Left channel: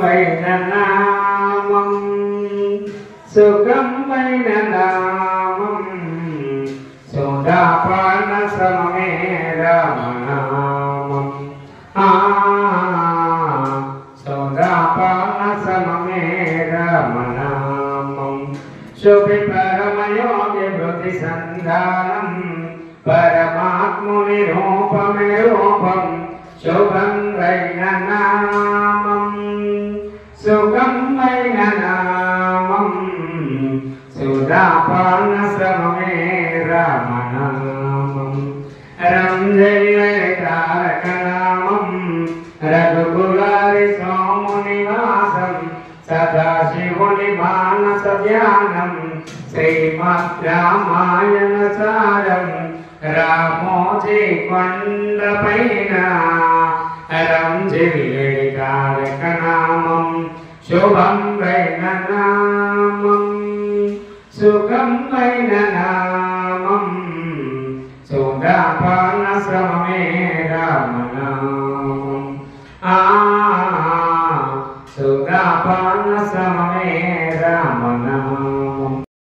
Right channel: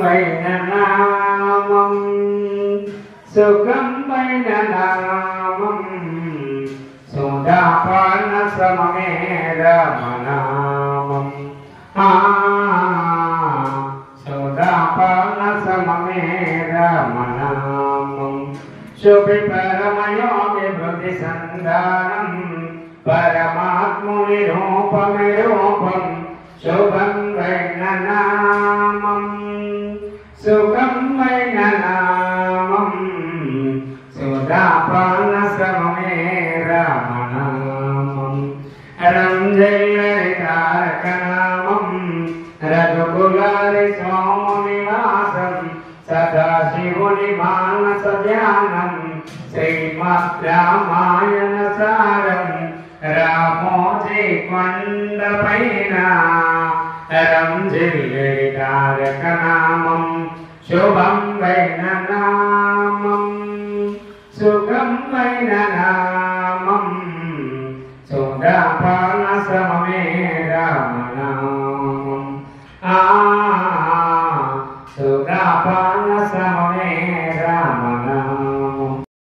వైననామం సుఖం వైననామం సుధాపాన సమమే రామనామం సుధాపాన సమమే రామనామం శుభి పరమయోగి బుద్ధి సంధానం పరమాత్ముని రూపమే రూపం శుభం వైననామం సుఖం వైననామం సుధాపాన సమమే రామనామం రంజయతారకనామం రఘుకులారి సోమునివాసం సదాశివుని మానస ధ్యానం శ్రీమద్ రామాయణ సారం రామోజీ కొండపైన రంజిల్లెడి తారక నామం శుభం వైననామం సుఖం వైన